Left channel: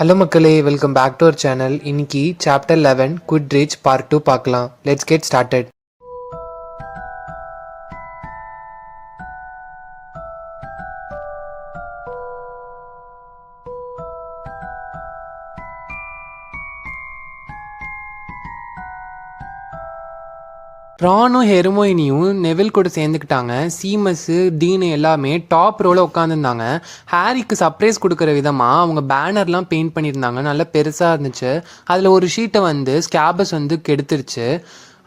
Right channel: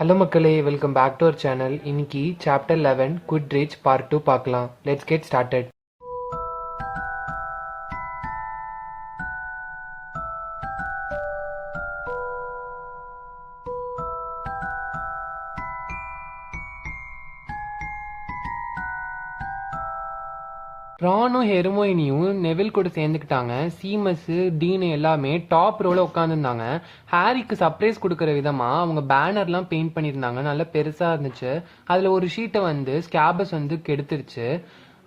Hello மக்களே, welcome back to our channel. இன்னைக்கு chapter 11 Quidditch part 2 பார்க்கலாம். Let's get started. ரானும் ஹெர்மோயினியும் நெவில் கூட சேர்ந்துக்கிட்டாங்க. சீமஸ் டீனு எல்லாமே டாப் ரோல உட்காந்துருந்தாங்க. ஹாரிக்கு சர்ப்ரைஸ் கொடுக்குற விதமாக அவங்க பேனர்லாம் பெயிண்ட் பண்ணியிருந்தாங்க. நல்லா பெருசாக இருந்துச்சு. அதில் ஒரு ஷீட்டை வந்து ஸ்கேபஸ் வந்து கெடுத்துருச்சு.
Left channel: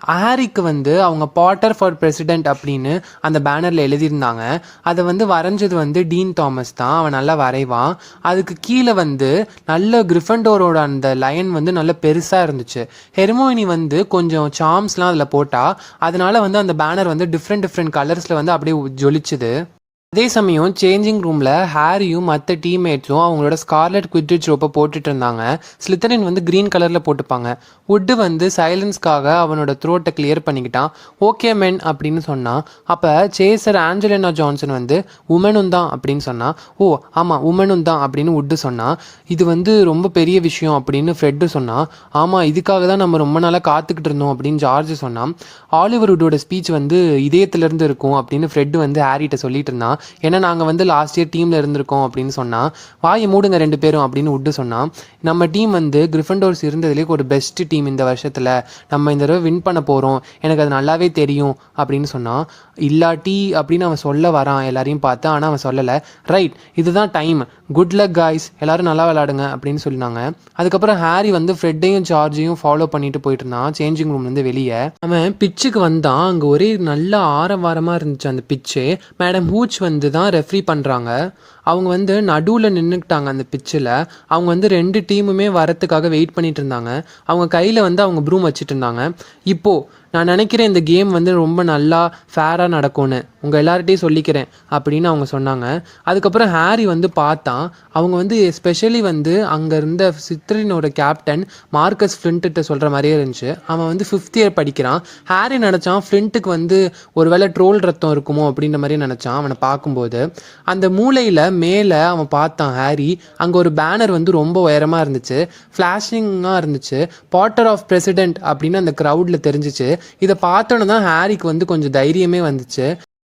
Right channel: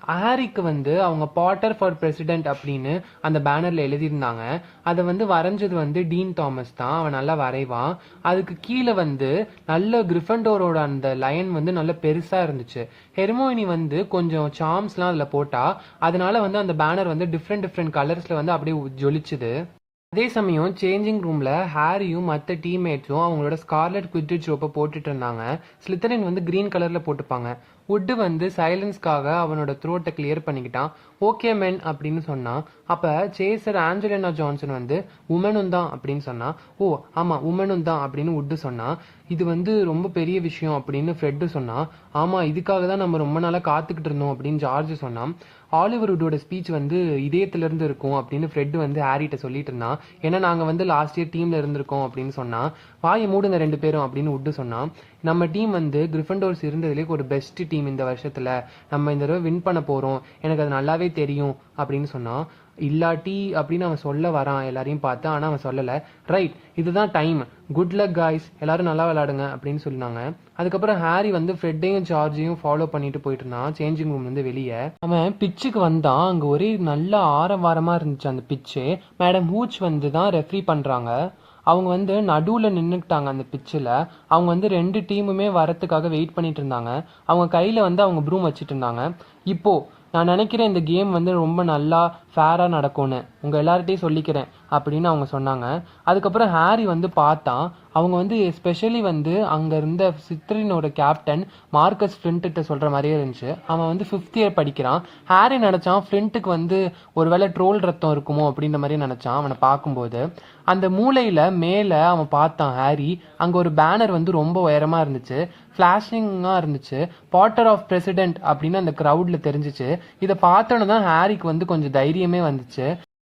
ஹாரிக்கு வந்து அவங்க பாட்டர் ஃபார் பிரசிடென்ட் அப்படின்னு அந்த பேனரில் எழுதியிருந்தாங்க. அதை வந்து வரைஞ்சது வந்து டீன் தாமஸ் தான். அவன் நல்லா வரைவான். அதுக்கு கீழே வந்து நல்ல கிரிஃபண்டோரோட அந்த லைன் வந்து நல்ல பெருசாக இருந்துச்சு. ஹெர்மோயினி வந்து கொஞ்சம் சார்ம்ஸ்லாம் அதில் போட்டால் அதனால வந்து அந்த பேனர் வந்து டிஃப்ரெண்ட் கலர்ஸில் வந்து அப்படியே ஜொலிச்சுது. அதே சமயம் சேஞ்சிங் ரூமில் ஹாரியும் மற்ற டீம்மேட்ஸும் அவங்களோட ஸ்கார்லெட் குவிட்ரிட்ஜ் ரோப்பை போட்டுட்டு இருந்தாங்க. ஸ்லித்தரின் வந்து க்ரீன் கலரில் போட்டுப்பாங்க. வுட்டு வந்து சைலன்ஸ்க்காக அவனோட த்ரோட்டை கிளியர் பண்ணிக்கிட்டான். ஓகே மென் அப்படின்னு சொன்னான். அப்போ சேசர் ஆஞ்சலினா ஜான்சன் வந்து உமனும் தான் அப்படின்னு சொன்னான். ஓ ஆமாம் உமனும் தான் அப்படின்னு வுட்டு சொன்னான். இது வந்து ரொம்ப பெரிய விஷயம் அப்படின்னு ஃப்ரெட்டு சொன்னான். ஆமாம் இதுக்காக தான் நம்ம ரொம்ப நாளாக காத்துக்கிட்டு இருந்தோம் அப்படின்னு ஜார்ஜ் சொன்னான். ஆலிவர் வுட்டோட ஸ்பீச் வந்து இதயத்துலேருந்து இருக்கும் அப்படின்னு ஃப்ரெட்டு வந்து ஹாரிட்ட சொல்லிட்டு இருந்தான். ஏன்னா நாங்கள் வந்து லாஸ்ட் இயர் டீமில் இருந்திருக்கோம் அப்படின்னு சொன்னால். வாயை மூடுங்க ரெண்டு பேரும் அப்படின்னு வுட்டு சொன்னான். நம்ம டீம் வந்து கிரிஃபண்டோர்ஸ் இருந்ததுலேயே ஒரு பெஸ்ட் டீம் இந்த வருஷத்தில். நம்ம இந்த தடவை வின் பண்ண போகிறோம், எனக்கு அது நல்லாவே தெரியும் அப்படின்னு சொன்னான். இல்லாட்டி அப்படின்னு அவன் சொல்ல வரான் எல்லாரையும் பார்த்து. ஆனால் அவன் சொல்லலை. ரைட், இதுதான் டைம், குட் லக் காய்ஸ், எல்லாரும் நல்லா விளையாடுங்க அப்படின்னு சொன்னாங்க. அதுக்கப்புறம் ஹாரி வந்து ஃப்ரெட்டையும் ஜார்ஜையும் ஃபாலோ பண்ணிட்டு போயிட்டு இருந்தான் சேஞ்சிங் ரூம்லேருந்து வெளியே. அவன் பிச்சுக்கு வந்தான். அங்கே ஒரே நல்ல ஆரவாரமாக இருந்துச்சு அந்த பிச்சு. மேடம் ஹூச் வந்து தான் ரெஃப்ரி பண்ணுறாங்க. அவங்க வந்து நடுவில் நின்றுக்கிட்டாங்க அந்த பிச்சில். அவங்க வந்து ரெண்டு டீமுமே வரத்துக்காக வெயிட் பண்ணிட்டு இருந்தாங்க. அவங்க கையில் வந்து அவங்க ப்ரூம் வச்சுட்டு இருந்தாங்க. இப்போது நான் நினைக்கிறேன் இந்த கேம் வந்து ரொம்ப நல்லா ஃபேராக நடக்கும்னு உங்கள் எல்லார்ட்டையும் சொல்லிக்கிறேன் அப்படின்னு அவங்க சொன்னாங்க. அதுக்கப்புறம் ஹாரி வந்து பார்த்தான். அவங்க வந்து எஸ்பெஷலி வந்து அங்கே இருந்த சித்ரினோட கேப்டன் மார்க்கஸ் ஃப்ளின்ட்டு சொல்கிற மாதிரியே இருந்துச்சு. அவன் வந்து 5th இயர் படிக்கிறான். ஹாரி நினச்சான் ஃப்ளின்ட்டுக்கு வந்து ஒரு வேளை ட்ரோல் ரத்தம் இருக்குமோ அப்படின்ற மாதிரி நினச்சான் அவனை பார்க்கும்போது. அந்த மூளையில் மேலே அவன் பார்த்தான் ஹாரி. அங்கே ஒரு பேனர் வந்து ரொம்ப உயரமாக இருந்துச்சு, ஃப்ளாஷிங்காக இருந்துச்சு. பாட்டர் ஆஃப் பிரசிடென்ட் அப்படின்னு அந்த க்ரௌடில் தெரிஞ்சிச்சு. இதை பார்த்தோன்னு தான் ஹாரிக்கு வந்து கொஞ்சம் தைரியமே வந்துச்சு.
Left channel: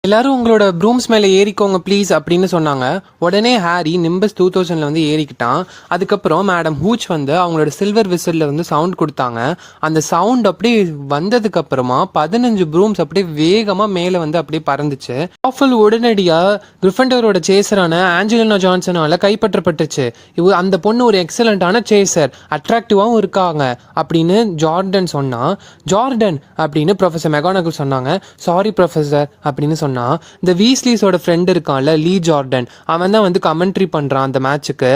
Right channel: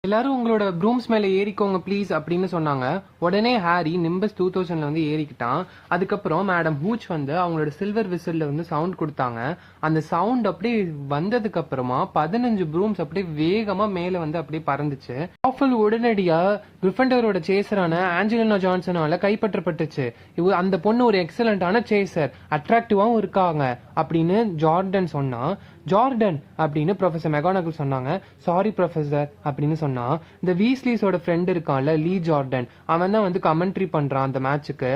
எல்லாரும் உங்களோட ப்ரூம்ஸ் மேலே ஏறிக்கோங்க ப்ளீஸ் அப்படின்னு சொன்னாங்க. உடனே ஹாரி நிம்பஸ் 2000 வந்து ஏறிக்கிட்டான். அதுக்கப்புறம் மேடம் ஹூச் வந்து அவங்களோட சில்வர் விசிலில் வந்து சவுண்ட் கொடுத்தாங்க. அந்த சவுண்ட் அப்படியே வந்ததுக்கு அப்புறமா 15 ப்ரூம்ஸ் அப்படியே வேகமாக மேலே வந்து அப்படியே பறந்துச்சு. ஆஃபல் உடனடியாக கிரிஃபண்டரோட சேசரான ஆஞ்சலினா ஜான்சனால கைப்பற்றப்பட்டுச்சு. அந்த பொண்ணு ஒரு எக்ஸலண்டான சேசர், அட்ராக்டிவாகவும் இருக்காங்க அப்படின்னு ஜார்டன் சொன்னா. ஜார்டன் அப்படின்னு ப்ரொஃபஸர் மெகானகல் சொன்னாங்க. சாரி ப்ரொஃபஸர் அப்படின்னு சொன்னான். இந்த வீஸ்லிஸோட ஃப்ரெண்ட் இருக்கான்ல லீ ஜார்டன், அவன் தான் வந்து கமெண்ட்ரி பண்றான் அந்த மேட்சுக்கு.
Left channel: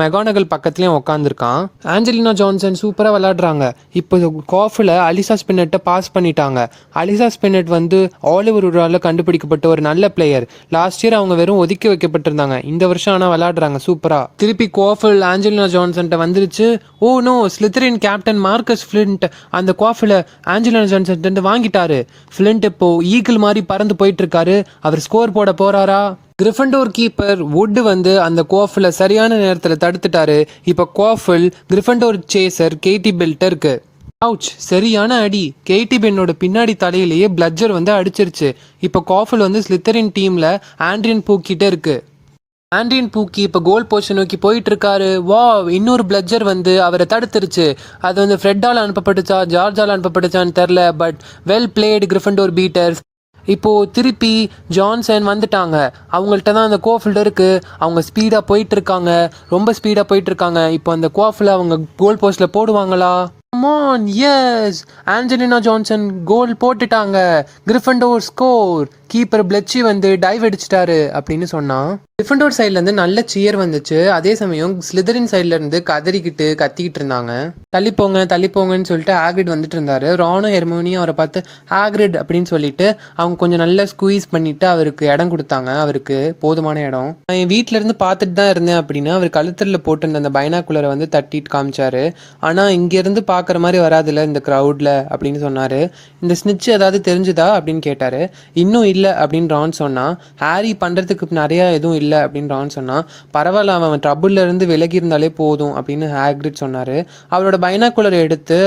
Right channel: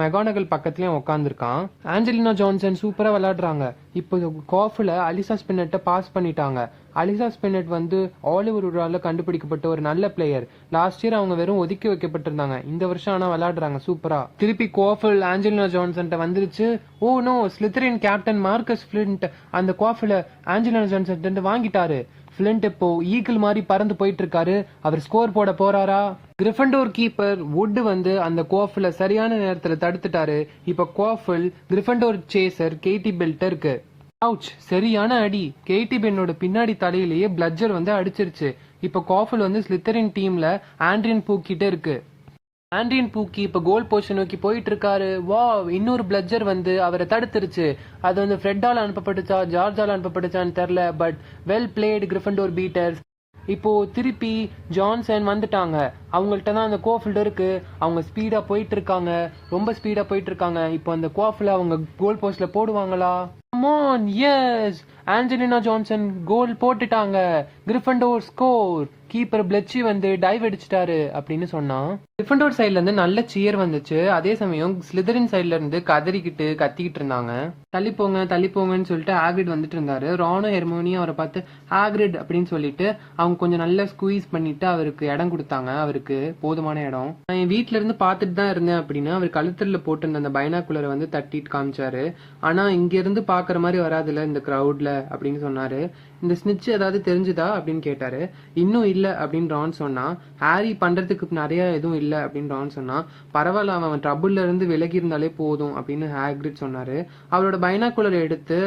மெகானகல் பக்கத்துலயும் உட்காந்துருக்கான். ஆஞ்சலினா ஜான்சன் சூப்பரா விளையாடுறாங்க. இப்போ காஃபில் அலிசா ஸ்பின்னட்டை பாஸ் பண்ணிட்டாங்க. அலிசா ஸ்பின்னட் வந்து ஆலிவர் வுட்டால கண்டுபிடிக்கப்பட்ட ஒரு நல்ல பிளேயர். லாஸ்ட் இயர் அவங்க வெறும் ஒதுக்கி வைக்கப்பட்டிருந்தாங்க. இந்த வருஷம் ஆனால் விளையாடுறாங்க சூப்பரா. திருப்பி காஃபில் ஆஞ்சலினா ஜான்சன் வந்துருச்சு. Oh no, Slytherin captain Marcus Flint அந்த காஃபில் ஆஞ்சலினா ஜான்சன் வாங்கிட்டாரு. ஃப்ளின்ட் இப்போ ஈகிள் மாதிரி பறந்து போயிட்டு இருக்காரு. அவர் ஸ்கோர் போட போறாரா? கிரிஃபண்டோர் கீப்பர் வுட் வந்து அந்த கோஃபில் சரியான நேரத்தில் தடுத்துட்டாரு. இப்போ கோஃபில் கிரிஃபண்டோர் சேசர் கேட்டி பெல்ட்டருக்கு அவுச் சரியான அடி. கேட்டி பென்னோட பின்னாடி தலையிலேயே பிளட்ஜர் வந்து அடிச்சிருச்சு. இப்போ கோஃபில் வந்து ஸ்லித்தரின் டீம்ல ஆண்ட்ரியன் பூக்கிட்ட இருக்கு. ஆண்ட்ரியன் பூக்கி இப்போ கோல் போஸ்ட் நோக்கி போயிட்டு இருக்காரு. வா, இன்னொரு பிளட்ஜர் வந்து அவரை தடுத்துருச்சு. அது வந்து ஃப்ரெட்டால் அனுப்பப்பட்டுச்சா ஜார்ஜால் அனுப்பப்பட்டுச்சான்னு தெரில. But well played Gryffindor beaters. இப்போது திருப்பி ஜான்சன் வந்துட்டாங்க. அவங்கள்ட்ட தான் அந்த கோஃபில்டு இருக்குது. அவங்க ஸ்பீடாக போயிட்டுருக்காங்க, ரொம்ப ஸ்பீடாக போயிட்டுருக்காங்க. இப்போ அந்த கோஃபில் அவங்க கோல் போஸ்ட்டில் போடுவாங்களா? கமான், எஸ், ஆஞ்சலினா ஜான்சன் கோல் போட்டுட்டாங்க. Gryffindor score. கீப்பர் பிளட்சி வந்து டைவ் அடிச்சிட்டாரு அப்படின்னு சொன்னான். கிரிஃபண்டோர் சைட்லேருந்து நல்ல சியர் வந்துச்சு. அதே சமயம் ஸ்லிதரின் சைட்லேருந்து கத்திக்கிட்டு இருந்தாங்க. தள்ளிப்போங்கன்னு சொல்லிட்டு ஹாக்ரிட் வந்துட்டு இருந்தாரு. ரானும் ஹெர்மியோனியும் அவரை பார்த்து ஹாக்ரிட் அப்படின்னு சொல்லிட்டு அவங்க கொஞ்சம் நல்லா ஸ்குவீஸ் பண்ணிட்டு அவருக்கு இடம் கொடுத்தாங்க. அவருக்கு போதுமான இடம். நான் என் வீட்டில இருந்து பார்த்துட்டு தான் இருந்தேன் அப்படின்னு அவர் கழுத்தில் போட்டு அந்த பைனாக்குலரை வந்து தட்டிட்டு காமிச்சாரு. ஆனால் இங்கேருந்து பார்க்குற மாதிரி வராதுல்ல இந்த க்ரௌடில் அப்படின்னு சொன்னார். இந்த ஸ்னிட்ச் ஏதாவது தெரிஞ்சுதா அப்படின்னு கேட்டார். இன்னும் இல்லை அப்படின்னு ரான் சொன்னான். ஹாரி பண்ணுறதுக்கு நிறையா எதுவும் இல்லை அப்படின்னு ரான் சொன்னான். பரவாயில்ல, அவன் ட்ரபுள்ல இருந்து விலகி இருந்தாலே போதும் அப்படின்னு ஹாக்ரிட் சொன்னார். அவரோட பைனாக்குலர் எடுத்து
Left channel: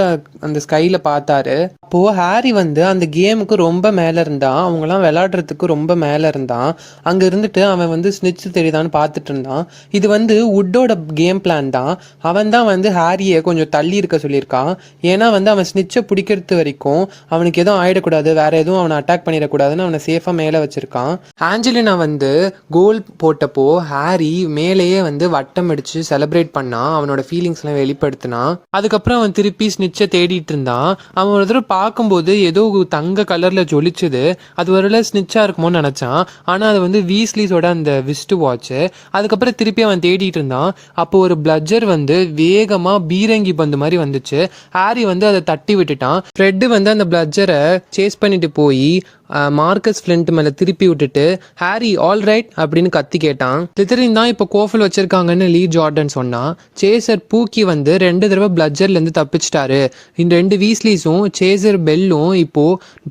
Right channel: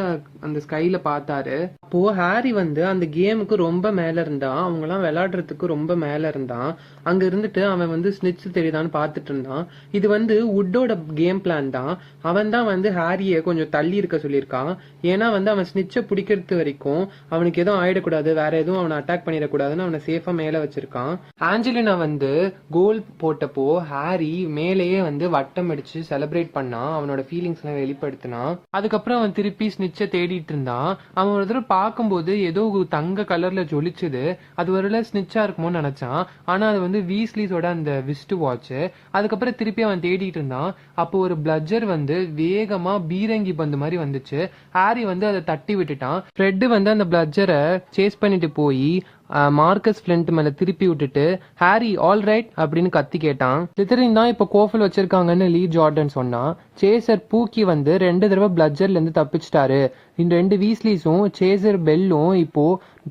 அந்த ஸ்கையில் பார்த்தாரு. அப்போது ஹாரி வந்து அந்த கேமுக்கு ரொம்ப மேலே இருந்தான், அவங்களாம் விளையாடுறதுக்கு ரொம்ப மேலே இருந்தான். அங்கே இருந்துட்டு அவன் வந்து ஸ்னிட்ச் தெரியுதான்னு பார்த்துட்டு இருந்தான். இது வந்து வுட்டோட கேம் பிளான் தான். அவன் தான் வந்து ஹாரியை கொஞ்சம் தள்ளி இருக்க சொல்லியிருக்கான். ஏன்னா வந்து அவன் ஸ்னிட்சை பிடிக்கிறது வரைக்கும் அவனுக்கு எதுவும் ஆகிடக்கூடாது, வேற எதுவும் அவனை அட்டாக் பண்ணிடக்கூடாதுன்னு அவனை சேஃபாக மேலே வச்சிருக்கான். ஆஞ்சலினா வந்து கோல் போட்டப்போ ஹாரி மேலேயே வந்து வட்டம் அடிச்சு செலிப்ரேட் பண்ணான், அவனோட ஃபீலிங்ஸ்லாம் வெளிப்படுத்தினான். அதுக்கப்புறம் அவன் திருப்பி ஸ்னிட்சை தேடிட்டு இருந்தான். அவன் ஒரு தடவை பார்க்கும்போது ஏதோ தங்க கலரில் ஜொலிச்சுது, அது ஒரு ஸ்னிட்சாக இருக்குமோன்னு நினச்சான். ஆனால் அது வந்து வீஸ்லிஸோட அந்த விஸ்ட் வாட்ச்சு. அதுக்கப்புறம் திருப்பி அவன் தேடிட்டு இருந்தான். அப்போ ஒரு பிளட்ஜர் வந்து வேகமாக பீரங்கி பந்து மாதிரி வந்துச்சு. ஹாரி வந்து அதை தட்டி விட்டுட்டான். ஃப்ரெட்டு வந்து அந்த பிளட்ஜரை சேஸ் பண்ணிட்டு போய் மார்க்கஸ் ஃப்ளின்ட் மேலே திருப்பி விட்டுட்டு ஹாரி ஆல் ரைட் அப்படின்னு கத்தி கேட்டான். ஸ்லிதரின் தான் இப்போ கோஃபில் வச்சிருக்காங்கன்னு லீ ஜார்டன் சொன்னான். சேசர் பூக்கி வந்து 2 தடவை பிளட்ஜர்லேருந்து தப்பிச்சிட்டாரு. இந்த 2 வீஸ்லிஸும் சேசர் பெல்லும் இப்போ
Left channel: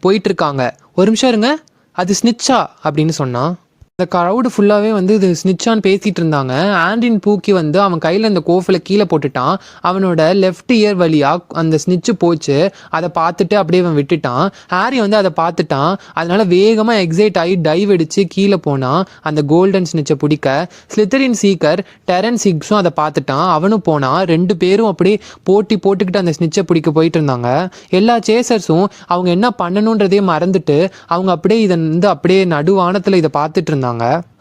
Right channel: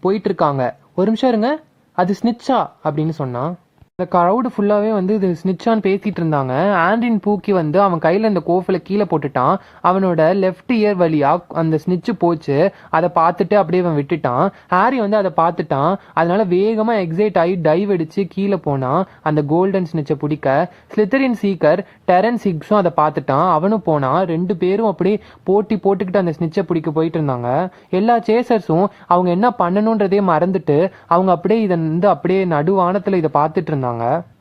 போயிட்டு இருக்காங்க. ஒரு நிமிஷம் இருங்க, அது ஸ்னிட்சா அப்படின்னு சொன்னான். இந்த க்ரௌடு ஃபுல்லாகவே வந்து இது ஸ்னிட்சான்னு பேசிகிட்டு இருந்தாங்க. ஆண்ட்ரின் பூக்கி வந்து அவன் கையில் இந்த கோஃபில் கீழே போட்டுட்டான். அவனோட லெஃப்ட் இயர் வழியாக அந்த ஸ்னிட்சு போச்சு. அதை பார்த்துட்டு அப்படியே அவன் விட்டுட்டான். ஹாரி வந்து அதை பார்த்துட்டான். அதனால வேகமாக எக்ஸைட் ஆகி டைவ் அடித்து கீழே போனான் அந்த கோல்டன் ஸ்னிட்சை பிடிக்க. ஸ்லிதரின் சீக்கர் டெரன்ஸ் ஹிக்ஸும் அதை பார்த்துட்டான், அவனும் போனான். 2 பேரும் அப்படியே போட்டுக்கிட்டு அந்த ஸ்னிட்சை பிடிக்க போயிட்டு இருந்தாங்க. எல்லா சேசர்ஸும் அவங்க என்ன பண்ணணுன்றதே மறந்துட்டு அவங்க அப்படியே இதை வந்து அப்படியே நடுவானத்தில் இதை பார்த்துட்டு இருந்தாங்க.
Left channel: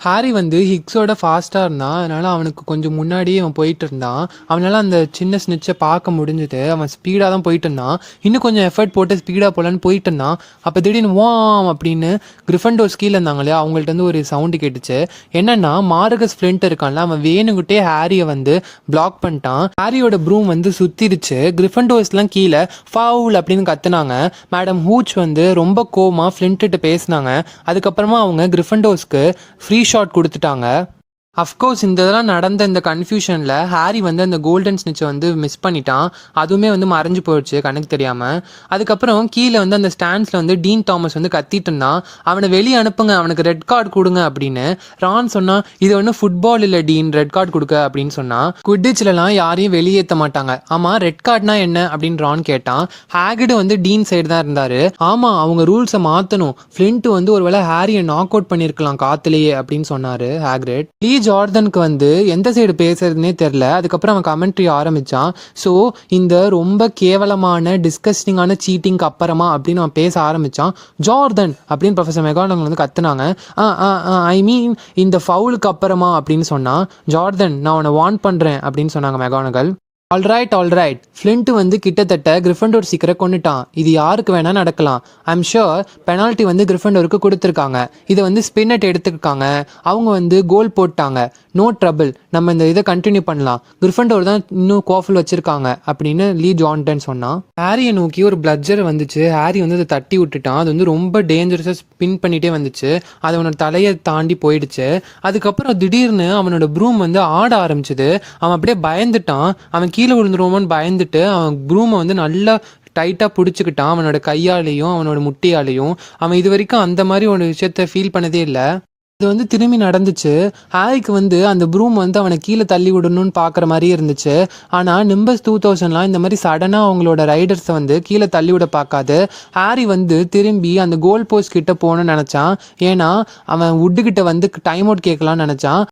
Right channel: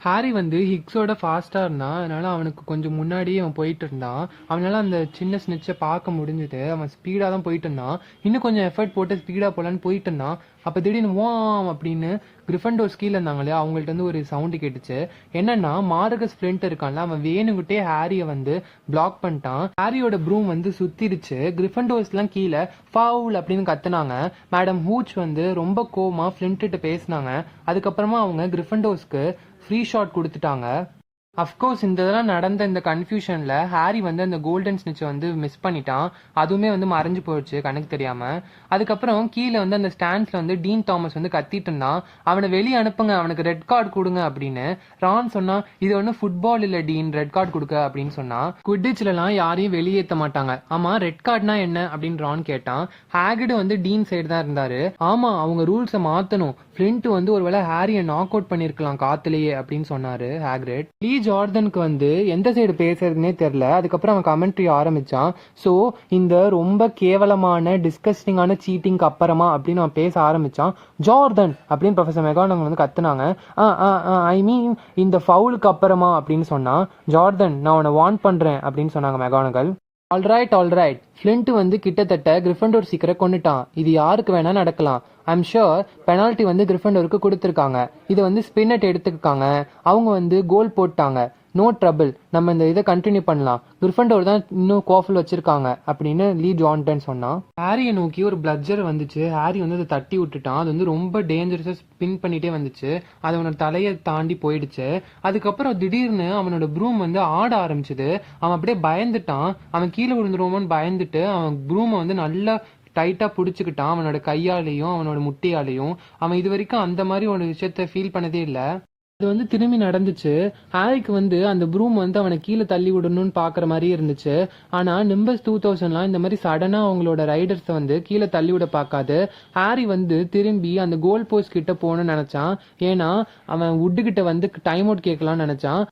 ஹாரி வந்து ஹிக்ஸோட ஃபாஸ்ட்டாக இருந்தான், அதனால் அவனுக்கு கொஞ்சம் முன்னாடியே அவன் போயிட்டு இருந்தான். அவனால் அந்த சின்ன ஸ்னிட்சை பார்க்க முடிஞ்சுது. அவன் ஸ்பீடாக தான் போயிட்டு இருந்தான். இன்னும் கொஞ்சம் எஃபர்ட் போட்டு ஸ்பீடாக போகலான்னு போயிட்டு இருந்தான். அப்போ திடீர்னு வாம் அப்படின்னு கிரிஃபண்டோர் கீழே இருந்தாங்க இல்லையா, அவங்கள்ட்ட வந்து ஒரு சவுண்டு கேட்டுச்சு. என்னன்னா மார்கஸ் ஃப்ளின்ட் இருக்கான்ல, அவன் வேணுங்கிட்டே ஹாரியை வந்து பிளாக் பண்ணிட்டான். ஹாரியோட ப்ரூம் வந்து சுத்திருச்சு. கிரிஃபண்டோர்ஸ்லாம் கீழே ஃபவுல் அப்படின்னு கத்துனாங்க. மேடம் ஹூச் வந்து ரொம்ப கோவமாக ஃப்ளின்ட்டு பேசினாங்க. அதுக்கப்புறமா அவங்க கிரிஃபண்டோர்ஸ்க்கு ஃப்ரீ ஷாட் கொடுத்துட்டாங்க. அஃப்கோர்ஸ் இந்த இதெல்லாம் நடந்த இந்த கன்ஃபியூஷனில் ஹாரி வந்து அந்த கோல்டன் ஸ்னிட்சை வந்து மிஸ் பண்ணிட்டான். அதுவுமே வந்து மறைஞ்சு போயிடுச்சு கணக்கு தெரியாமல். அதுக்கப்புறம் கீழே வந்து அந்த ஸ்டாண்ட்ஸில் வந்து டீன் தாமஸ் வந்து கத்திட்டு இருந்தான். அவனை வெளியே அனுப்புங்க, அவனுக்கு ரெட் கார்டு கொடுங்க அப்படின்னு. ரான் சொன்னான், இது ஒன்றும் ஃபுட்பால் இல்லை டீன், ரெட் கார்டு கொடுக்க அப்படின்னு சொன்னான். குட்டிச்சிலலாம் யாரையும் வெளியேற்ற மாட்டாங்க. ஆமாம், ரெட் கார்டுனா என்ன அப்படின்னு ரான் கேட்டான். ஹேகிடு வந்து டீன் சைடு தான் இருந்தார். ஆமாம், அவங்க ரூல்ஸை மாற்றணும். ஃப்ளின்ட் வந்து ஒரு வேளை ஹாரியை நாக் அவுட் பண்ணியிருக்கலாம் காத்துலேயே அப்படின்னு சொன்னார் ஹேக்ரிட். லீ ஜார்டனுக்கு வந்து எந்த சைடு பேசுறதுனே தெரில. அதுக்கப்புறம் அவன் கமெண்ட்ரி ஆரம்பித்தான். ஸோ இந்த ரொம்ப கேவலமான டிஸ்கஸ்டிங்கான சீட்டிங்க்கு அப்புறமா அப்படின்னு அவன் பேச ஆரம்பித்தான். ஜார்டன் அப்படின்னு ப்ரொஃபஸர் மெகானகல் வந்து கத்துனாங்க. ஐ மீன் இந்த ஃபவுலுக்கு அப்புறமா அப்படின்னு சொன்னான். ஜார்டன், நான் உன்னை வார்ன் பண்ணுறேன் அப்படின்னு சொன்னாங்க மெகானகல். ஆல்ரைட் ஃப்ளின்ட் வந்து கிட்டத்தட்ட கிரிஃபண்டோர் சீக்கிரம் கொண்டுட்டான். இது யாருக்கு வேணால் நடக்கலாம். ஐம் ஷுர் பெனால்ட்டி வந்து கிரிஃபண்டோருக்கு கொடுத்துருக்காங்க. இதை வந்து ஸ்பின்னட் எடுத்துருக்காங்க. அவங்க வந்து கோல் போட்டாங்க. நோ ட்ரபிள், நம்ம இந்த இதை கண்டினியூ பண்ணலாம். கிரிஃபண்டோர் தான் இன்னும் கோஃபில் வச்சுருக்காங்க அப்படின்னு லீ ஜார்டன் சொன்னான். ஹாரியை நோக்கி ஒரு பிளட்ஜர் வந்துச்சு. ஹாரி வந்து அதை தட்டி விட்டுட்டான். அது வந்து ரொம்ப டேஞ்சரஸாக ஸ்பின் பண்ணிகிட்டே வந்துச்சு. அது அவனோட தலையை தாண்டி போயிடுச்சு. அதுக்கப்புறம் திடீர்னு அவனோட ப்ரூம் வந்து ஆட ஆரம்பிச்சுது. அவன் அப்படியே பயந்துட்டான். அவன் கீழே விழுந்துருவோமோன்னு பயந்துட்டு அவன் ப்ரூமை வந்து நல்லா டைட்டாக பிடிச்சிக்கிட்டான். அவனோட கையாலேயும் அவனோட முட்டியாலேயும். அவன் இது வரைக்கும் அந்த மாதிரி ஒரு விஷயத்த ஃபீல் பண்ணதே இல்லை. இது வந்து திரும்பி நடந்துச்சு. ஹாரிக்கு வந்து அந்த ப்ரூம் வந்து அவனை கீழே தள்ளி விடணும்னு பார்க்குற மாதிரியே இருந்துச்சு. ஆனால் நிம்பஸ் 2000லாம் இந்த மாதிரி சடனாக அவங்களோட ரைடர்ஸை வந்து கீழே தள்ளி விட பார்க்காது. ஹாரி வந்து திரும்பி அந்த கோல் போஸ்ட் கிட்ட போகணும்னு நினச்சான். ஏன்னா அவன் வுட்டுக்கிட்ட வந்து டைம் அவுட் கேட்கலான்னு நினச்சான்.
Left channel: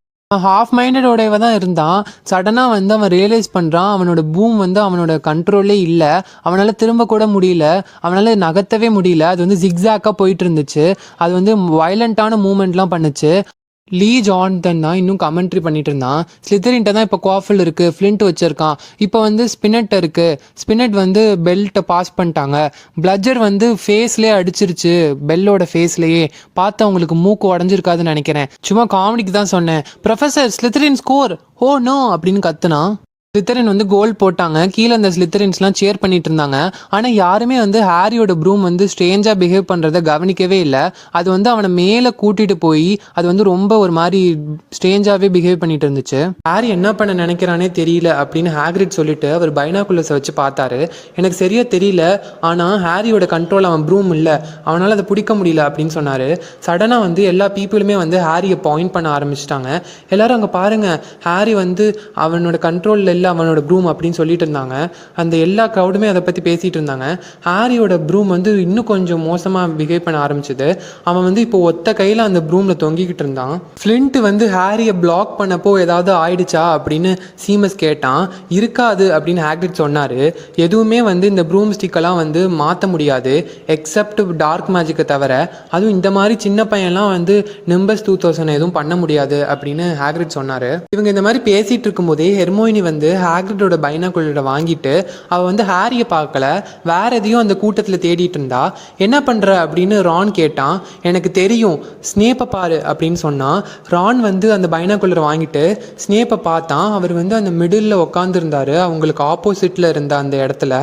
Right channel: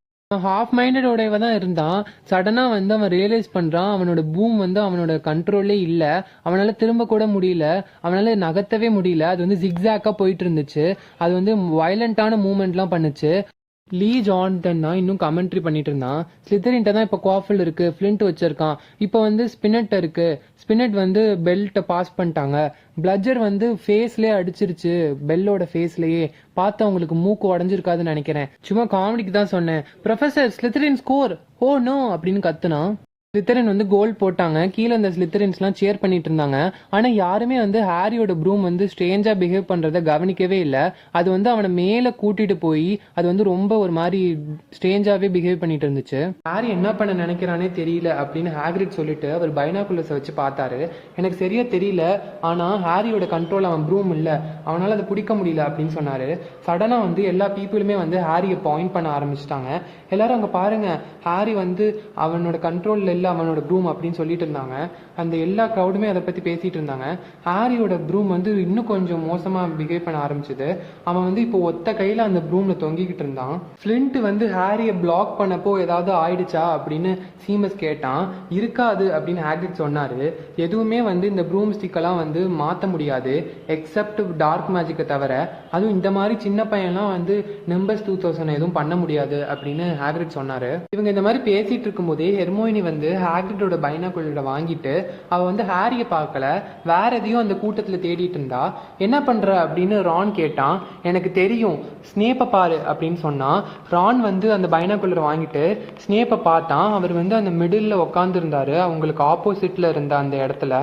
ஹாஃப் மைண்டடோடையவ தான் இருந்தான். சடனாக வந்து அவன் ரியலைஸ் பண்ணுறான் அவனோட பூம் வந்து அவனோட கண்ட்ரோல்லே இல்லை. அவனால் திரும்ப கூட முடியல, அவனால் நகர்த்தவே முடியல. அது வந்து ஜிக்ஸாக்காக போயிட்டு இருந்துச்சு. அது வந்து வயலண்ட்டான மூமெண்ட்லாம் பண்ணுச்சு. லீ ஜார்டன் தான் இன்னும் கமெண்ட்ரி பண்ணிட்டு இருந்தான். ஸ்லிதரின்ட்ட தான் இப்போ குவாஃபில் இருக்குது, ஃப்ளின்ட் வச்சுருக்கான். இப்போ வந்து ஸ்பினட் இருக்குது. ஸ்பினட் வந்து பெல்ட்டை பாஸ் பண்ணிட்டாங்க. பிளட்ஜர் வந்து ஃபேஸ்லேயே அடிச்சிருச்சு, பெல்லோட ஃபேஸ்லேயே. பார்த்து அவங்களுக்கு மூக்கு உடஞ்சிருக்காதுன்னு நினைக்கிறேன். சும்மா காமெடிக்கு தான் சொன்னேன். ப்ரொஃபஸர் ஸ்லிதரின் ஸ்கோர், ஓ நோ அப்படின்னு கத்துனான். ஸ்லித்தரின் வந்து கோல் போட்டாங்க. கீழே அந்த ஸ்லித்தரின்ஸ்லாம் சேர் பண்ணிட்டு இருந்தாங்க. ஆனால் யாருமே வந்து ஹாரியோட ப்ரூம் வந்து ஸ்ட்ரேஞ்சாக பிஹேவ் பண்ணுறத கவனிக்கவே இல்லை. அது வந்து அவனை மேலே கூட்டிகிட்டு போய் அது வந்து ரொம்ப ஒரு மாதிரி ஸ்ட்ரேஞ்சாகவே பிஹேவ் பண்ணிட்டு இருந்துச்சு. ஹாரி என்ன பண்ண நினைக்கிறானே தெரியல அப்படின்னு ஹாக்ரிட் சொல்லிட்டு அவர் பைனாகுலர்ஸை வச்சு பார்த்தாரு. எனக்கு சரியா தெரியல, ஆனால் ஹாரியோட கண்ட்ரோல் அவன் ப்ரூம் இல்லை, அவனால் அதை பிடிக்க முடியல அப்படின்னு சொன்னார். சடனாக வந்து எல்லா பீப்புளுமே வந்து ஹாரியை பாயிண்ட் பண்ண ஆரம்பிச்சிட்டாங்க. எல்லாரும் அங்கே பாருங்கள், ஹாரி வந்து அவனோட கண்ட்ரோலில் இல்லை, அவனோட ப்ரூம் அப்படின்னு சொல்லிட்டு இருந்தாங்க. அந்த எல்லா க்ரௌடுமே அதை பற்றி பேசிகிட்டு இருந்தாங்க. ஹாரியோட ப்ரூம் வந்து இன்னும் கொஞ்சம் மோசமாக பிஹேவ் பண்ண ஆரம்பிச்சுது. அவன் வந்து இப்போ ஒத்த கையில் அந்த ப்ரூமில் தொங்கிக்கிட்டு இருந்தான். ஃப்ளின்ட் வந்து ஹாரியை பிளாக் பண்ணப்போ ஏதாவது ஆயிடுச்சா அப்படின்னு சீமஸ் கேட்டான். இருக்காது அப்படின்னு ஹாக்ரிட் சொன்னார். எதுவுமே வந்து இந்த ப்ரூம் ஸ்டிக்கெல்லாம் வந்து மாற்ற முடியாது எக்ஸப்ட் டார்க் மேஜிக்கை தவிர. அதுவும் இந்த மாதிரி சின்ன பையன்லாம் வந்து நிம்பஸ் 2000 எதுவும் பண்ண முடியாது அப்படின்னு ஹாக்ரிட் சொன்னார். இவங்க இந்த மாதிரி பேசிகிட்டு இருக்கும்போதே ஹெர்மோயினி வந்து ஹாக்ரிடோட பைனாகுலரை வாங்கிட்டு அவள் வந்து ஹாரியை பார்க்கல, வேற எதையும் அந்த கூட்டத்தில் தேடிட்டு இருந்தா. என்ன பண்ணுற அப்படின்னு ரான் கேட்டான். எனக்கு தெரியும், ஸ்னேப்பை பாரு அப்படின்னு சொன்னான். ரான் வந்து அந்த பைனாகுலரை வாங்கிட்டு ஸ்னேப்பை பார்த்தான். அவர் வந்து அந்த மிடில் உட்காந்துருந்தாரு, அவங்களுக்கு ஆப்போசிட்டில் இருந்த அந்த இடத்துல.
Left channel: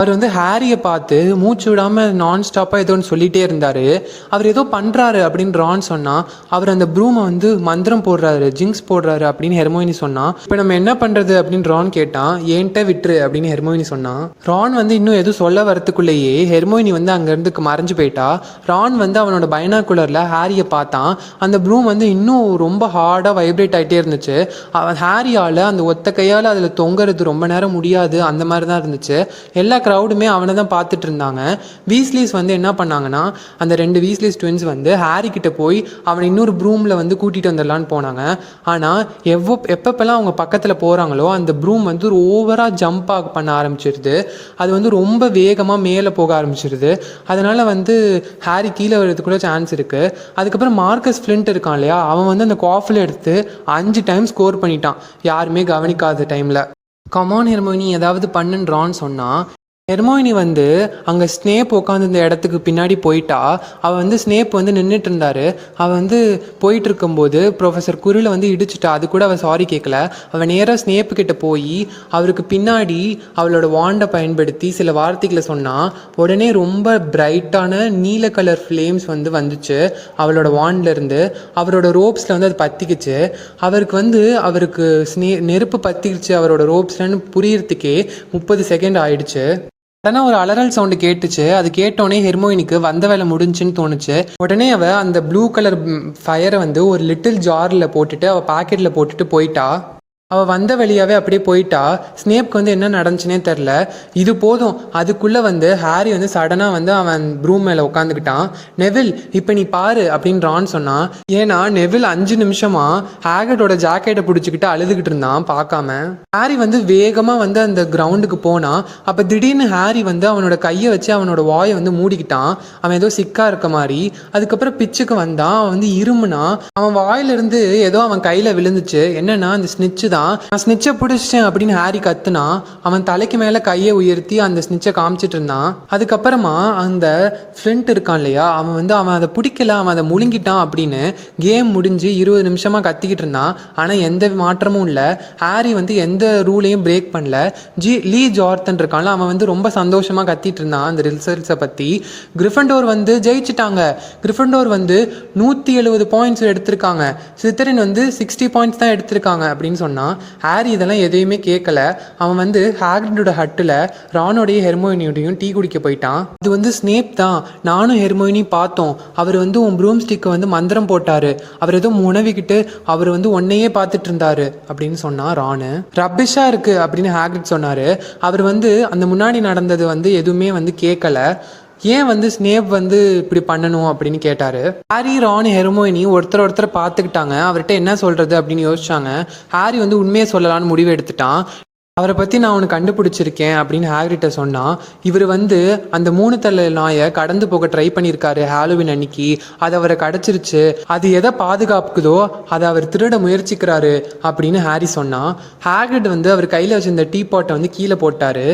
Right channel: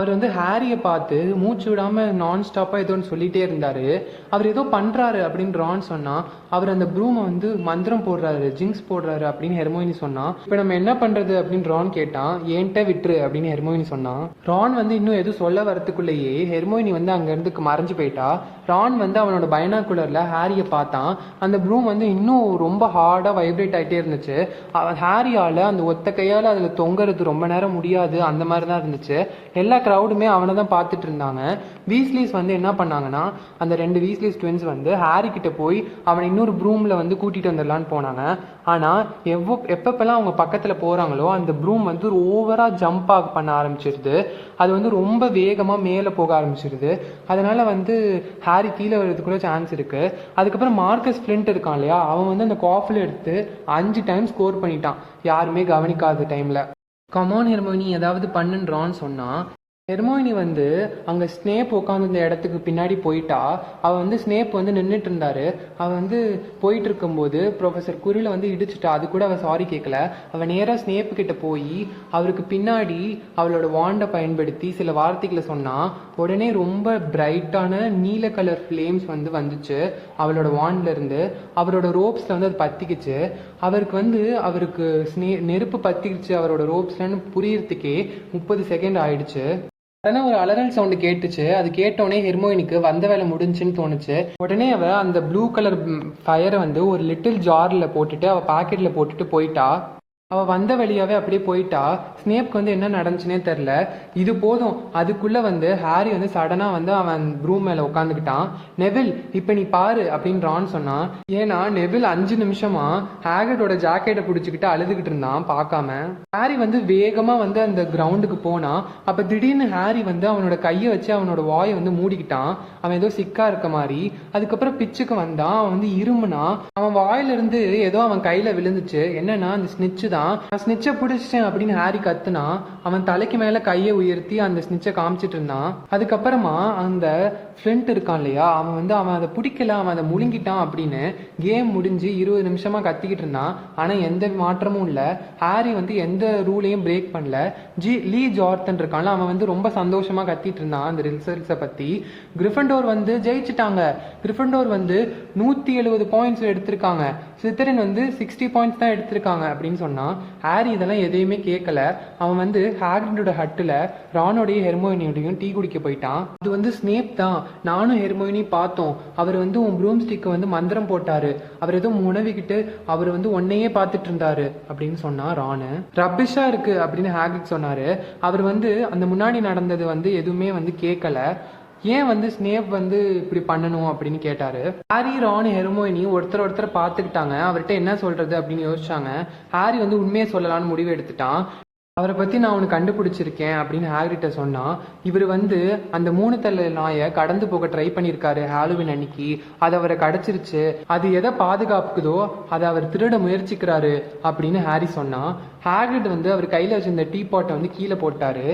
அவர் வந்து ஹாரியை பார்த்து மூச்சு விடாமல் நான் ஸ்டாப்பாக ஏதோ ஒன்று சொல்லிகிட்டே இருந்தார். அவர் ஏதோ பண்ணுறாரு அப்படின்னு ரான் சொன்னான். அவர் அந்த ப்ரூமை வந்து மந்திரம் போடுறாரு, ஜிங்ஸ் போடுறாரு அப்படின்னு ஹெர்மோயினி சொன்னான். இப்போ நம்ம என்ன பண்ணுறது அப்படின்னு ரான் கேட்டான். ஏன்ட்ட விட்டுரு அப்படின்னு ஹெர்மோயினி சொன்னான். ரான் வந்து இன்னும் எதுவும் சொல்ல வரத்துக்குள்ளேயே ஹெர்மோயினி வந்து அங்கேருந்து மறைஞ்சு போயிட்டா. ரான் வந்து அவனோட பைனாகுலரில் ஹாரியை பார்த்தான். அந்த ப்ரூம் வந்து இன்னும் ரொம்ப ஹார்டாக வைப்ரேட் ஆகிட்டே இருந்துச்சு. அவன் ஹாரியால் அந்த ஒத்த கையால் அதில் தொங்குறது ரொம்ப நேரம் முடியாது, அந்த மாதிரி தான் இருந்துச்சு. எல்லா க்ரௌடுமே அவனை தான் பார்த்துட்டு இருந்தாங்க. வீஸ்லீஸ் வந்து என்ன பண்ணாங்கன்னா, அந்த 2 வீஸ்லீஸ் ட்வின்ஸ் வந்து ஹாரி கிட்ட போய் அவனை இன்னொரு ப்ரூமில் வந்து கூட்டிகிட்டு வந்துடலான்னு போனாங்க. ஆனால் எப்பப்பெல்லாம் அவங்க பக்கத்தில் போகிறாங்களோ அந்த ப்ரூம் வந்து ஓவராக ஜம்ப் பண்ண ஆரம்பிச்சிருது. அது வந்து ரொம்ப வேகமாக மேலே போக ஆரம்பிச்சிருது. அதனால் வந்து ஹாரி கீழே வர்றதுக்கு கூட சான்ஸ் இருக்குது. அதுக்கப்புறம் மார்க்கஸ் ஃப்ளின்ட் இருக்கான் இல்லையா, அவன் வந்து அந்த காஃபில் எடுத்து 5 டைம் ஸ்கோர் பண்ணிட்டான், யாருமே கவனிக்காத டைமில். கமான் ஹெர்மோயினி ஏதாவது பண்ணுன்றான்னு சொன்னான். ஹெர்மோயினி வந்து அங்கே ஸ்னேப் உட்காந்துருந்த இடத்துக்கு பின்னாடி போயிட்டா. அவள் வந்து ஸ்னேப் வந்து நின்றுட்டு இருந்தார். அவள் வந்து போயிட்டு இருக்கும்போது ப்ரொஃபஸர் குரில் வந்து இடிச்சிட்டா. அது கூட அவள் சாரி கேட்கல. அவள் நேராக ஸ்னேப்பு கிட்ட போய் அவருக்கு பின்னாடி அவளோட வாண்டை பயன்படுத்தி சில வார்த்தைகளை சொன்னான். உடனே ரொம்ப பிரைட்டான நீல கலர் ஃப்ளேம்ஸ் வந்து வந்துச்சு அவளோட வாண்ட்லேருந்து. அவரோட ரோப்ஸில் வந்து அது பற்றிக்கிச்சு. அவருக்கு நெருப்பு பற்றிக்கிச்சு அவரோட ரோப்ஸ்லன்னு புரியறதுக்கே 30 செகண்ட் ஆயிடுச்சு. உடனே ஒரு அலறல் சவுண்டு கேட்டுச்சு. அது கேட்டோடனே ஹெர்மோயினிக்கு வந்த வேலை முடிஞ்சுன்னு தோணுச்சு. உடனே அவள் அந்த ப்ளூ கலர் ஃபயரை வந்து ஒரு லிட்டில் ஜாரில் போட்டுட்டு அவள் பாக்கெட்டில் போட்டுட்டு போயிட்டா. அவள் வந்த வழியாகவே அப்படியே போயிட்டா. ஸ்னேப்க்கு வந்து என்ன நடந்துச்சுனே தெரில. இது போதும், அதுக்குள்ளே வந்து ஹாரி வந்து சடனாக வந்து அவன் ப்ரூம் மேலே உட்காந்துக்கிட்டான். நெவில் இப்போ நீ பாரு அப்படின்னு ரான் சொன்னான். ஏன்னா நெவில் 5 நிமிஷமாக ஹாகர்டோட ஜாக்கெட்டை பிடிச்சிக்கிட்டு அழுதுகிட்டு இருந்தான் பார்க்காம. ஹாரி வந்து வேகமாக வந்து அந்த கிரவுண்டுக்கு போனான். அப்போ திடீர்னு ஹாரி வந்து அவனோட கையை வச்சு அவனோட வாயை வந்து மூடிக்கிட்டான். அவன் ஏதோ சிக்காக இருக்க மாதிரி. அதுக்கப்புறம் பிச்சுக்கு வந்தான். அவன் வந்து இருமுனா. அவன் வாயிலிருந்து ஏதோ அவன் கையில் விழுந்துச்சு. என்னன்னா அந்த ஸ்னிச்சு தான். நான் ஸ்னிச்சை பிடிச்சிட்டேன் அப்படின்னு ஹாரி கத்துனா. அவன் தலைக்கு மேலே கையை உயர்த்தி அந்த ஸ்னிச்சை காமிச்சிட்டு இருந்தான். அதுக்கப்புறமா அந்த ஃப்ளின்ட் இருக்கான் இல்லையா, அவன் அதை பிடிக்கல, அவன் அதை முழுங்கிட்டான் அப்படின்னு கேம் முடிஞ்சு 20 நிமிஷமாக கத்திக்கிட்டு இருந்தான். ஆனால் எந்த மாற்றமும் இல்லை. ஹாரி வந்து எந்த ரூலையும் பிரேக் பண்ணல. லீ ஜார்டன் இருக்கான்ல, அவன் வந்து ரொம்ப சந்தோஷமாக கத்திட்டு இருந்தான் அந்த ரிசல்ட்ஸை பற்றி. கிரிஃபண்டோர் வந்து ஜெயிச்சிட்டாங்க. கிரிஃபண்டோர் வந்து 170 பாயிண்ட்ஸ் எடுத்திருக்காங்க. ஸ்லித்தரின் வந்து 60 பாயிண்ட்ஸ் தான் எடுத்திருக்காங்க அப்படின்னு சொன்னான். ஹாரி இதெல்லாம் எதையுமே கேட்கல. அவன் வந்து ஹாக்ரிடோட ஹட்டில் ரானோடையும் ஹெர்மோயினியோடையும் டீ குடிக்க போயிட்டான். இது வந்து ஸ்னேப் தான், நானும் ஹெர்மோயினி பார்த்தோம். அவர் வந்து உன் ப்ரூம் ஸ்டிக்கை வந்து மந்திரம் போட்டாரு. அவர் ஏதோ உணவிக்கிட்டு அவர் வந்து ஒன்னையே பார்த்துட்டு இருந்தாரு அப்படின்னு சொன்னான் ரானு. ரப்பிஷா இருக்கு அப்படின்னு ஹாக்ரிட் சொன்னாரு. அவர் வந்து அந்த முன்னாடி நடந்தது வந்து எதுவுமே வந்து கேட்கல. ஏன் வந்து ஸ்னேப் வந்து இப்படி பண்ணணும் அப்படின்னு கேட்டார். ஹாரி, ரான், ஹெர்மோயினி ஒருத்தர் பார்த்துக்கிட்டாங்க. அவர்கிட்ட என்ன சொல்கிறது அப்படின்னு யோசிச்சாங்க. ஹாரி வந்து உண்மையை சொல்லலான்னு முடிவு எடுத்துட்டான். அவரை பற்றி நான் அவனுக்கு கண்டுபிடிச்சிருக்கேன் அப்படின்னு ஹாக்ரிட்ட சொன்னான். இவர் வந்து அந்த 3 தலை நாயை கடந்து போக ட்ரை பண்ணியிருக்காரு ஹாலோவின் அன்னைக்கு. அது அவரை கிடச்சிருச்சு. அது எதை பாதுகாப்புக்குதோ அதை அவர் திருட முயற்சிக்கிறாரு அப்படின்னு ஹாரி சொன்னான். ஹாக்ரிட் வந்து அவர் கையில் வச்சிருந்த டீ பாட்டை வந்து கீழே போட்டார்.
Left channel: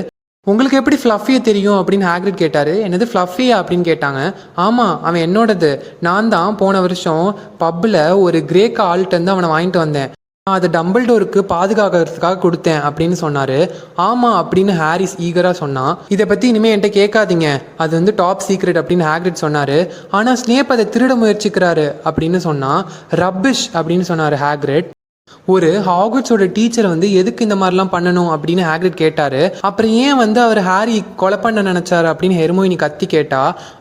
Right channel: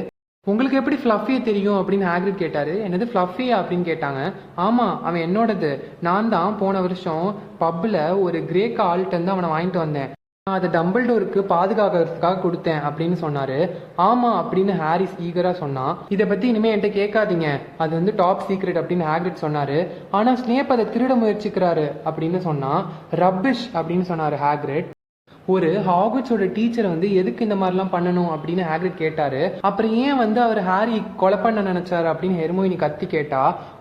உங்களுக்கு எப்படி ஃப்ளஃபியை தெரியும் அப்படின்னு ஹாக்ரிட் கேட்டார். என்னது ஃப்ளஃபியா அப்படின்னு கேட்டாங்க. ஆமாம், அவன் என்னோடது. நான் தான் போன வருஷம் பப்பில் ஒரு கிரேக் ஆல்ட்டு வந்து அவனை வாங்கிட்டு வந்தேன். நான் அதை டம்பிள்டோருக்கு பாதுகாக்கிறதுக்காக கொடுத்தேன் அப்படின்னு சொன்னாரு. ஆமா அப்படின்னு ஹாரிஸ் ஈகரா சொன்னான். இதை பத்தி இனிமே என்கிட்ட கேட்காதீங்க, அது வந்து டாப் சீக்ரெட் அப்படின்னு ஹாக்ரிட் சொன்னாரு. ஆனா ஸ்னேப் அதை திருட முயற்சிக்கிறாரு அப்படின்னு சொன்னான். ரப்பிஷ் அப்படின்னு சொன்னாரு ஹாக்ரிட். ஒரு ஹாகர்ட்ஸோட டீச்சர் வந்து எதுக்கு இந்த மாதிரிலாம் பண்ணணும் அப்படின்னு ஹாக்ரிட் கேட்டாரு. அப்புறம் ஏன் வந்து அவர் ஹாரி கொலை பண்ண நினைச்சாரு அப்படின்னு ஹெர்மோயினி கத்தி கேட்டா.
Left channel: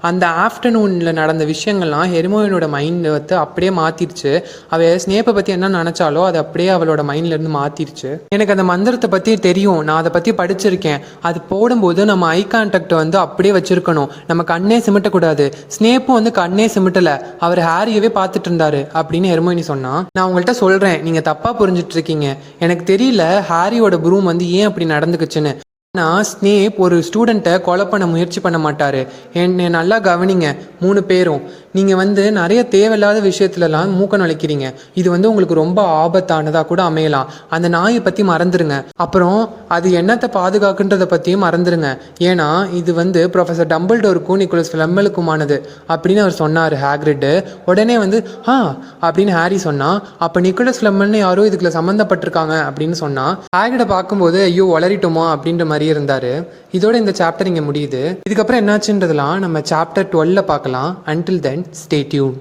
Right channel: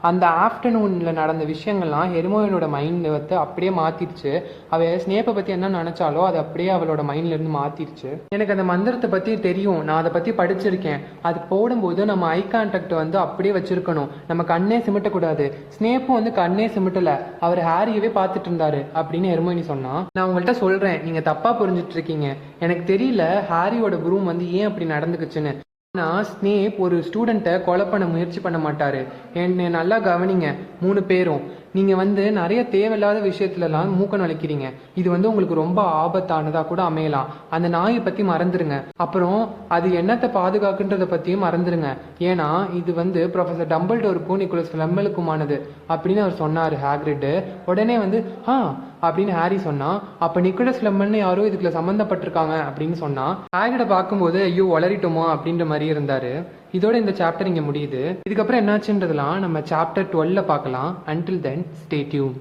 அந்த ஆஃப்டர்நூன்ல நடந்த விஷயங்கள்லாம் ஹெர்மோயினோட மைண்ட் வந்து அப்படியே மாத்திருச்சு. அவ ஸ்னேப்பை பத்தி என்ன நினைச்சாலோ அது அப்படியே அவளோட மைண்ட்ல இருந்து மாத்திருச்சு. எனக்கு அந்த மந்திரத்தை பத்தி தெரியும், நான் அதை பத்தி படிச்சிருக்கேன். அது போடும்போது நம்ம ஐ கான்டாக்ட் வந்து அப்படியே வச்சிருக்கணும், நம்ம கண்ணே சிமிட்டக்கூடாது. ஸ்னேப்பும் வந்து கண்ணே சிமிட்டல, அவர் ஹாரியவே பார்த்துட்டு இருந்தாரு அப்படின்னு ஹெர்மோயினி சொன்னா. நான் உங்கள்கிட்ட சொல்றேன், நீங்க தப்பா புரிஞ்சிட்டு இருக்கீங்க. எனக்கு தெரியல ஹாரியோட ப்ரூம் வந்து ஏன் அப்படி நடந்துக்குச்சுன்னு. ஆனால் ஸ்னேப் ஒரு ஸ்டூடெண்ட்டை கொலை பண்ண முயற்சி பண்ண மாட்டார். என்னை நல்லா கவனிங்க 3 பேரும். நீங்கள் வந்து நிறைய தேவையில்லாத விஷயத்துலலாம் மூக்க நுழைக்கிறீங்க. இது வந்து உங்களுக்கு ரொம்ப ஆபத்தானதாக கூட அமையலாம். அந்த நாயை பற்றி மறந்துடுங்க. அப்புறம் அது என்னத்தை பாதுகாக்குன்றதை பற்றியும் மறந்துடுங்க. ஏன்னா இது வந்து ப்ரொஃபஸர் டம்பிள்டோருக்கும் நிக்கோலஸ் ஃப்ளெம்மலுக்குமானது அப்படின்னு அவர் சொன்னார் ஹாக்ரிட். உடனே வந்து அப்படின்னு ஹாரி சொன்னான். அப்போ நிக்கோலஸ் ஃப்ளெம்மல்னு யாரோ இதுக்குள்ள சம்மந்தப்பட்டிருக்காங்க அப்படின்னு சொன்னான். ஹாக்ரிட்டை பார்க்கும்போது ஐயோ வளரிட்டோமா அப்படின்ற மாதிரி இருந்தாரு. இதோட இந்த சாப்டர் இங்கே முடியுது. இதுக்கப்புறம் என்னாச்சுன்றதெல்லாம் நம்ம சாப்டர் 12 பார்க்கலாம். Until then stay tune.